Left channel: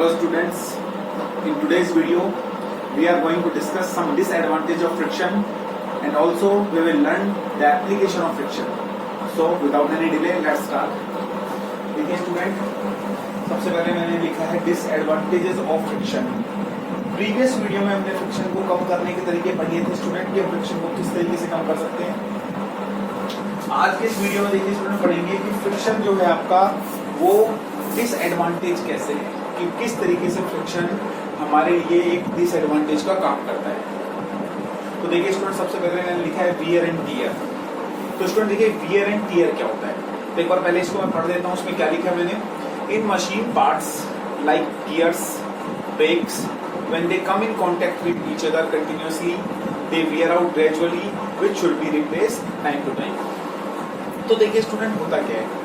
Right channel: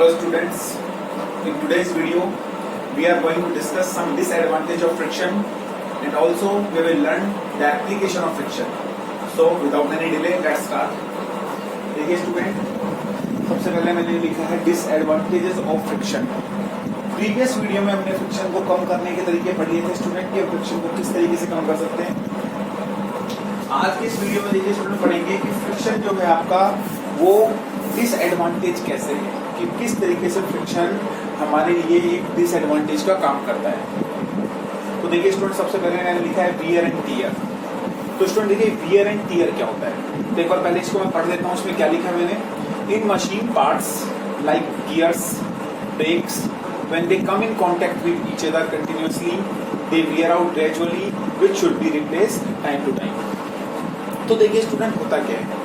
Hello students, in today's video we are going to discuss some disadvantage of friction and also we will learn the application of friction. So without any delay let's start. देखिए student, सबसे पहले मैंने लिखा है disadvantages of friction. Previous video में हमने friction को कम करने के तरीके पढ़ लिए थे स्टूडेंट कि फ्रिक्शन को किस तरीके से कम कर सकते हैं। आज के इस वीडियो में देखिए स्टूडेंट पढ़ेंगे कि फ्रिक्शन जो है आपका वो डिसएडवांटेज कैसे है, कि किस तरीके से फ्रिक्शन हमारे लिए एक डिसएडवांटेज का काम करता है। तो देखिए स्टूडेंट, सबसे पहले मैंने लिखा है वियर एंड टियर। तो स्टूडेंट देखिए वियर एंड टियर क्या होता है, तो एक बार पहले इसको मैं पढ़ देता हूँ। उसमें क्या लिखा है मैंने, in machine parts like gears, brakes, when they come in contact with each other continuously they wear out gradually which should be replaced time to time। तो देखिए स्टूडेंट होता क्या है,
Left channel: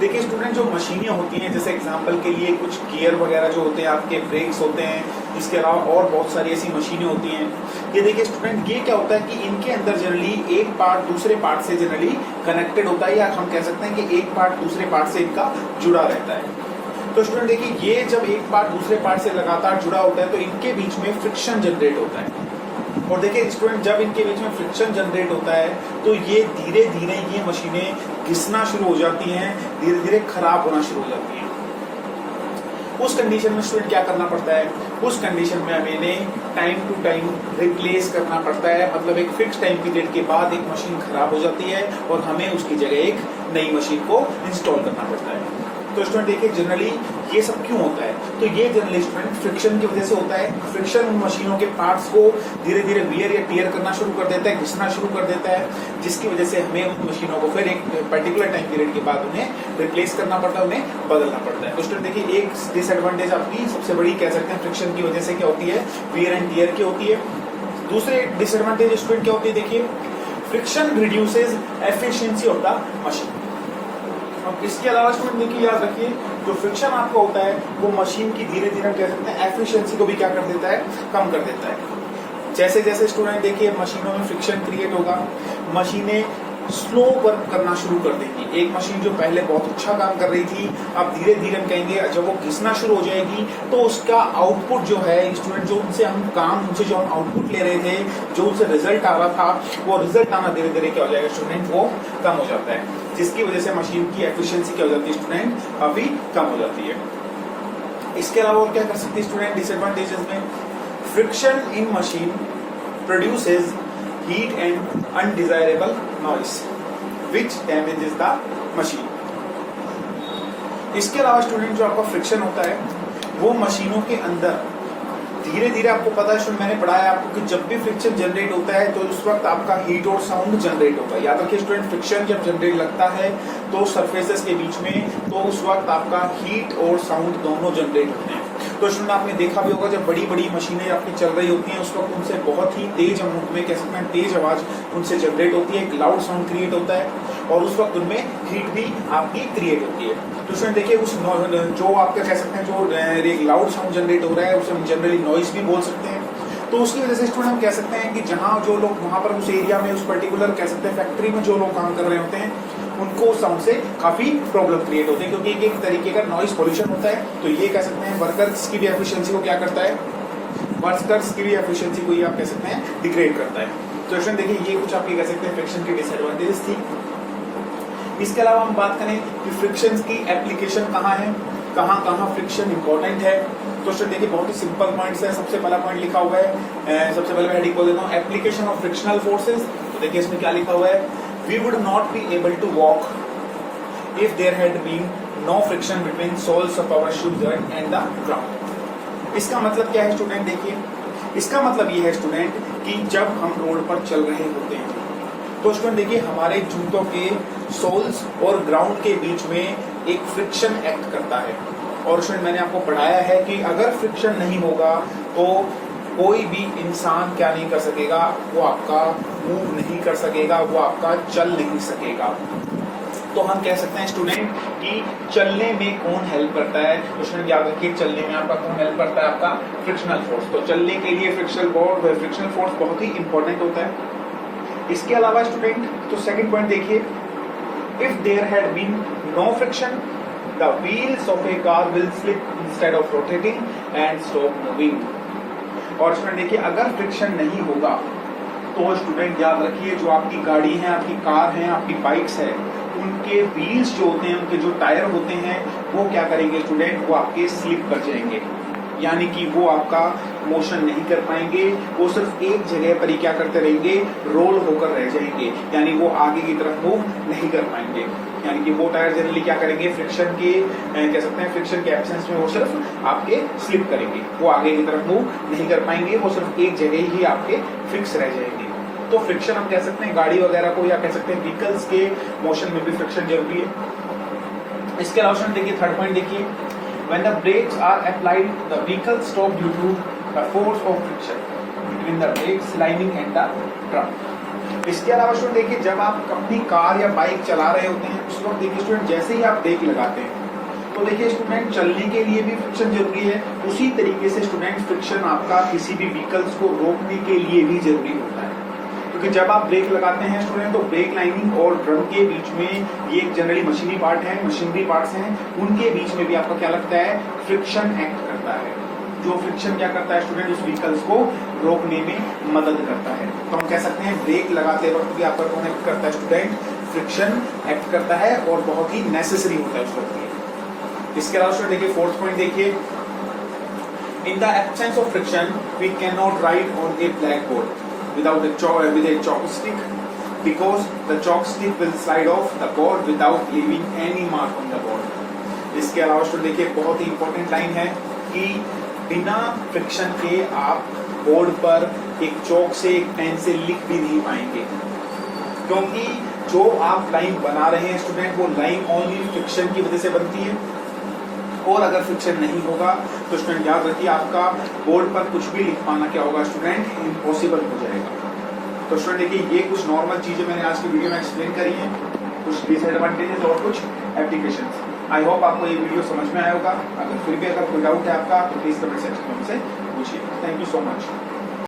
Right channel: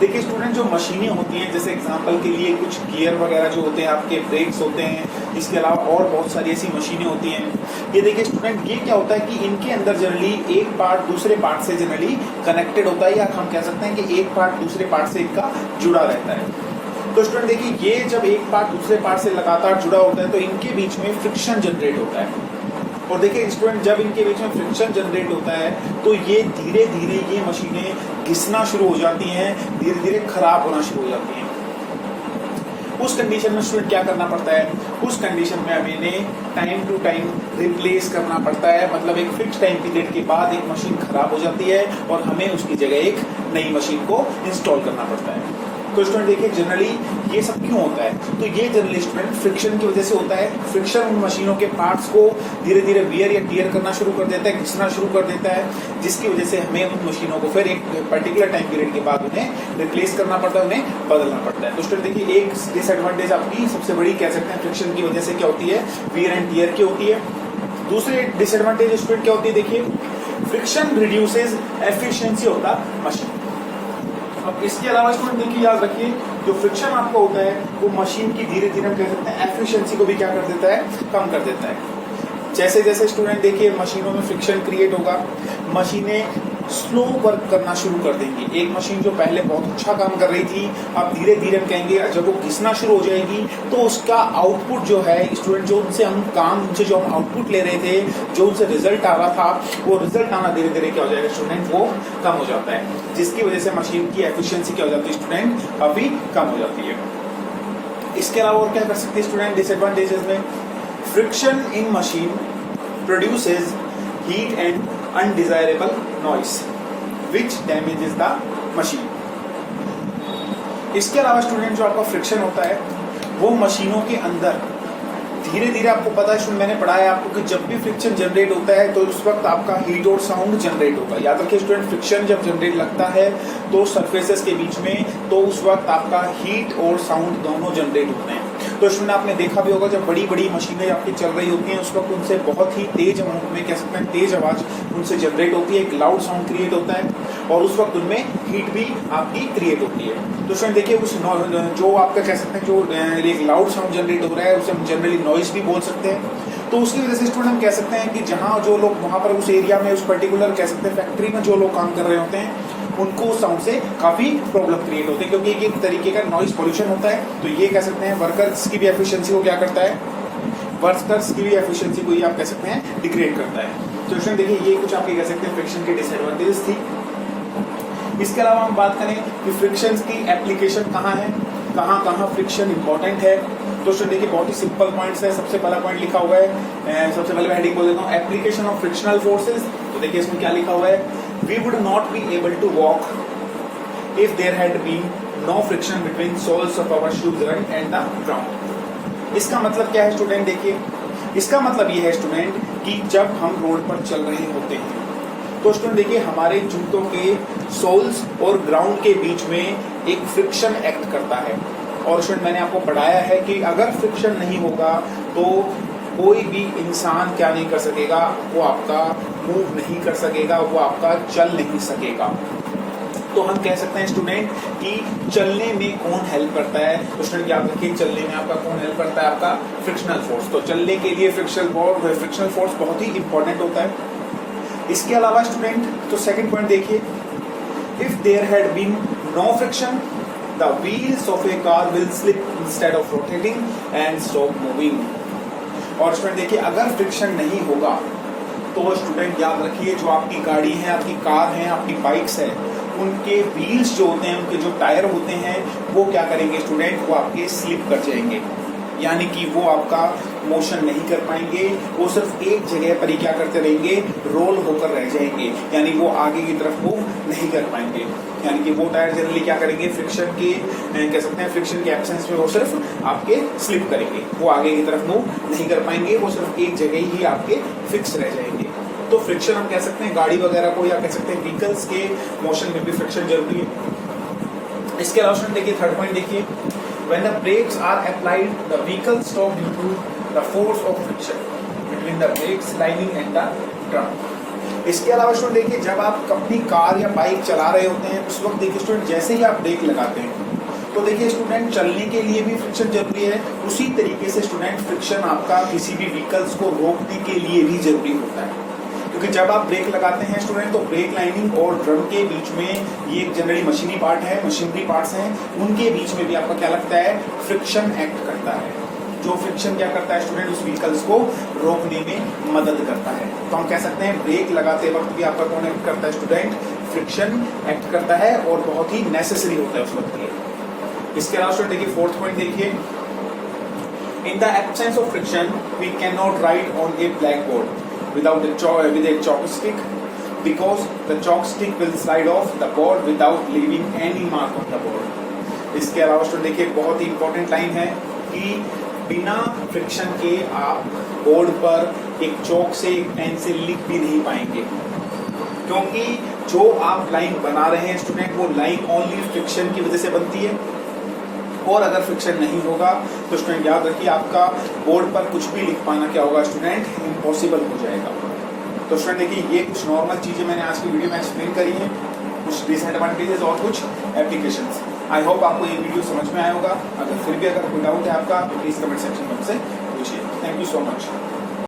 देखिए स्टूडेंट जो मशीनें होती हैं, जैसे एग्जांपल के लिए कुछ गियर वगैरह जो होते हैं, आपके ब्रेक्स होते हैं, इसके अलावा और बहुत सारी ऐसी मशीनें होती हैं। ये देखिए स्टूडेंट, ये क्या होता है कि इनके अंदर जनरली एक पार्ट दूसरे पार्ट से जनरली कनेक्टेड होता है, या हम कह सकते हैं कि एक पार्ट दूसरे पार्ट से इनका जुड़ा रहता है। तो स्टूडेंट देखिए, ये जब एक पार्ट दूसरे पार्ट से लगातार जुड़ा होता है तो इनके बीच में फ्रिक्शन जनरेट होता है। और देखिए स्टूडेंट, जब इनके बीच में फ्रिक्शन जनरेट होता है तो ये धीरे धीरे ये मशीनें घिसना शुरू हो जाती हैं, धीरे धीरे खराब होना शुरू हो जाती हैं। उस कंडीशन में स्टूडेंट क्या करना पड़ता है, उस कंडीशन में हमें टाइम टू टाइम रिप्लेस करना पड़ता है। मतलब एक फिक्स टाइम पीरियड के बाद एक मशीन खराब हो जाती है और हमें उसकी जगह एक नई मशीन को इंस्टॉल करना पड़ता है। तो स्टूडेंट देखिए जनरली ये सब क्यों होता है, तो ये जनरली स्टूडेंट फ्रिक्शन की वजह से होता है। फ्रिक्शन उन मशीनों के पार्ट्स को धीरे धीरे वियर या टियर करना शुरू कर देता है, घिसना शुरू कर देता है, जिसकी वजह से हमें उन मशीनों को फिर एक पर्टिकुलर टाइम पीरियड के बाद उन्हें रिप्लेस करना पड़ता है, उन्हें बदलना पड़ता है। तो स्टूडेंट देखिए, एक डिसएडवांटेज आपकी सबसे बड़ी कह सकते हैं फ्रिक्शन की वजह से क्या होती है, वियर एंड टियर की होती है। दूसरे डिसएडवांटेज स्टूडेंट क्या होती है, देखिए friction reduces efficiency of the machine. अब इसके अलावा स्टूडेंट देखिए, याद रखिए, जो फ्रिक्शन आपको होता है वो मशीन की धीरे धीरे कह सकते हैं एफिशिएंसी को भी क्या कर देता है, कम कर देता है। जैसे जैसे स्टूडेंट देखिए मशीनों में फ्रिक्शन क्रिएट होगा, मशीनें स्लो वर्क करना शुरू कर देंगी। एक मशीन जो पहले बहुत अच्छा काम कर रही थी, अब धीरे धीरे हम कहेंगे जब वो घिसना शुरू हो जाएगी तो उसका आउटपुट जो है स्टूडेंट, जो उनसे हम काम, उनसे जो हम आउटपुट ले रहे थे, जो उनसे रिजल्ट आ रहा था, वो रिजल्ट आना धीरे धीरे क्या हो जाएगा स्टूडेंट, वो कम हो जाता है, जिसकी वजह से मशीन की एफिशिएंसी क्या हो जाती है स्टूडेंट, काफी कम हो जाती है। इसके अलावा और क्या कर सकते हैं स्टूडेंट डिसएडवांटेजेस में, friction in machine produces heat and undesirable noise which damages the machine। इसके अलावा स्टूडेंट जो आपका फ्रिक्शन होता है वो मशीनों के अंदर धीरे धीरे, आपको पता है, मैंने पढ़ाया आपको कि जब भी फ्रिक्शन जनरेट होता है तो उस वक्त आपका हीट और साउंड जनरेट होता है। याद रखिए स्टूडेंट, फ्रिक्शन जब जनरेट लगता है तो सरफेसेस के बीच में, तो उस वक्त आपका हीट और साउंड दोनों जनरेट होते हैं। तो स्टूडेंट आपने देखा भी होगा, जब बड़ी बड़ी मशीनें आपकी चल रही होती हैं उस वक्त उनसे बहुत ही तेज अमाउंट में, कह सकते हैं तेज आवाज उनसे जनरेट होती है, एक लाउड साउंड क्रिएट होता है और उस वक्त उनमें हीट भी आपकी क्रिएट होती है। तो स्टूडेंट देखिए, कुछ जो आपका कह सकते हैं जो एक लाउड साउंड जनरेट हो रहा है उसे हम जनरली नॉइज भी बोल सकते हैं। तो उसकी वजह से स्टूडेंट हम कह सकते हैं कि जहां जो लोग वहां पर उस एरिया में, उस पर्टिकुलर कह सकते हैं फैक्ट्री में जो लोग काम कर रहे होते हैं उनको उस साउंड से काफी प्रॉब्लम क्रिएट होती है, क्योंकि एक तरीके का नॉइज पोल्यूशन होता है। तो ये कह सकते हैं वर्कर्स की भी एफिशिएंसी को क्या करता है, वर्कर्स की भी एफिशिएंसी को ही आप कह सकते हैं डिग्रेड करता है। तो स्टूडेंट देखिए, ये कुछ आपकी कह सकते हैं फ्रिक्शन की डिसएडवांटेजेस थी। इसके अलावा हम बात करें कि फ्रिक्शन की एप्लीकेशन कहाँ है, कहाँ कहाँ फ्रिक्शन इंपॉर्टेंट है। तो स्टूडेंट देखिए, बहुत ही सिंपल पॉइंट्स है। सबसे पहला पॉइंट लिखा हुआ है, सबसे पहले मैं हेडिंग बोल देता हूँ, एप्लीकेशन ऑफ फ्रिक्शनल फोर्सेज। तो देखिए इसमें क्या लिखा हुआ है, we would not be able to walk if there had been no friction between soles of our shoes and the ground. इसका मतलब क्या है स्टूडेंट, देखिए इसका मतलब ये है स्टूडेंट कि जब हम रोड पर चल रहे होते हैं तो स्टूडेंट देखिए हमारे जूतों के सोल्स और ग्राउंड के बीच में एक फ्रिक्शन एक्ट करता है। और स्टूडेंट मैंने आपको पढ़ाया है कि अगर फ्रिक्शन नहीं होगा तो कोई भी इंसान क्या नहीं कर सकेगा, वो आपका मूव नहीं कर सकेगा, वो आपका चल नहीं सकेगा। तो हम कह सकते हैं स्टूडेंट कि चलने में कौन हेल्प करता है, तो स्टूडेंट याद रखिए चलने में आपका कौन हेल्प करता है, आपका फ्रिक्शनल फोर्स। तो चलने के लिए फ्रिक्शनल फोर्स बहुत ही इंपॉर्टेंट होता है। इसके अलावा स्टूडेंट तो सेकंड पॉइंट देखिए, if there had been no friction the wheels of a car will slip instead of rotating and stop moving. और स्टूडेंट देखिए, अगर फ्रिक्शन नहीं होगा तो स्टूडेंट याद रखिए, जो आपकी गाड़ी है, आपकी कार है, आपकी बाइक्स है, उनके व्हील्स जो होते हैं, उनके जो टायर होते हैं, वो क्या करेंगे स्टूडेंट, वो आपके स्लिप कर जाएंगे, यानी कि वो आपका मोशन नहीं कर पाएंगे, वो सिर्फ एक जगह पर ही क्या करते रहेंगे, रोल होकर रह जाएंगे, यानी वो आगे की तरफ मूव नहीं कर पाएंगे। यानी कि वो टायर जनरली क्या करेंगे, फ्रिक्शन के कह सकते हैं, फ्रिक्शन के एब्सेंस में वो सिर्फ आपके स्लिप करेंगे, वो आगे की तरफ मूव नहीं कर पाएंगे, वो सिर्फ एक जगह ही आपके फिक्स रह जाएंगे। तो फ्रिक्शन हम कह सकते हैं गाड़ी वगैरह को, या कह सकते हैं व्हीकल्स के मोशन में भी फ्रिक्शन जरूरी है। इसके अलावा देखिए थर्ड पॉइंट देखिए, when the brakes are applied the vehicle stop due to the force of friction between the brakes lining and the drum। इसके अलावा स्टूडेंट देखिए, जब आप अपनी कार या बाइक चला रहे होते हैं, उस वक्त देखिए स्टूडेंट, जैसे ही आप ब्रेक लगाते हैं तो देखिए स्टूडेंट, चलने के लिए भी फ्रिक्शन जरूरी है, उसी तरीके से स्टूडेंट फ्रिक्शन आपका किसी भी व्हीकल्स को रोकने के लिए भी जरूरी होता है। क्योंकि जब आप ब्रेक लगाते हैं स्टूडेंट, तो ब्रेक लाइनिंग और ड्रम के बीच में ये एक जनरली मशीनी पार्ट है, मशीनरी पार्ट्स हैं, उनके बीच में भी आपका क्या लगता है, फ्रिक्शन एक्ट करता है। जो फ्रिक्शन क्या करता है स्टूडेंट, उस व्हीकल्स को रोकने में मदद करता है। तो हम कह सकते हैं ब्रेक लगाते वक्त भी आपका कौन एक्ट करता है स्टूडेंट, फ्रिक्शन एक्ट करता है, और बहुत ही नेसेसरी होता है उस वक्त ये। इसके अलावा स्टूडेंट देखिए फोर्थ पॉइंट देखिए, in the absence of friction we can not write on a blackboard with a chalk stick, because the chalk stick will slide off the board without leaving any mark on the board। इसके अलावा student देखिए, बहुत ही important line है कि बिना friction के आप board पर एक चौक से, एक पेन से लिख भी नहीं पाएंगे, क्योंकि जो आप लाइन बना रहे हैं स्टूडेंट, वो लाइन ओनली फ्रिक्शन की वजह से बनती है, और अगर फ्रिक्शन नहीं होगा तो स्टूडेंट याद रखिए, आपका बोर्ड पर कुछ भी लिख पाना क्या होगा स्टूडेंट, इम्पॉसिबल हो जाएगा। तो स्टूडेंट देखिए, ये कुछ नॉर्मल चीजें मैंने आज की वीडियो में एक्सप्लेन करी हैं, कुछ डिसएडवांटेजेस और कुछ एप्लीकेशंस। आई होप आपको ये वीडियो समझ में आया होगा। अगर फिर भी अगर कोई डाउट है आपका, तो प्लीज कमेंट सेक्शन में हमसे पूछिए। Thank you so much.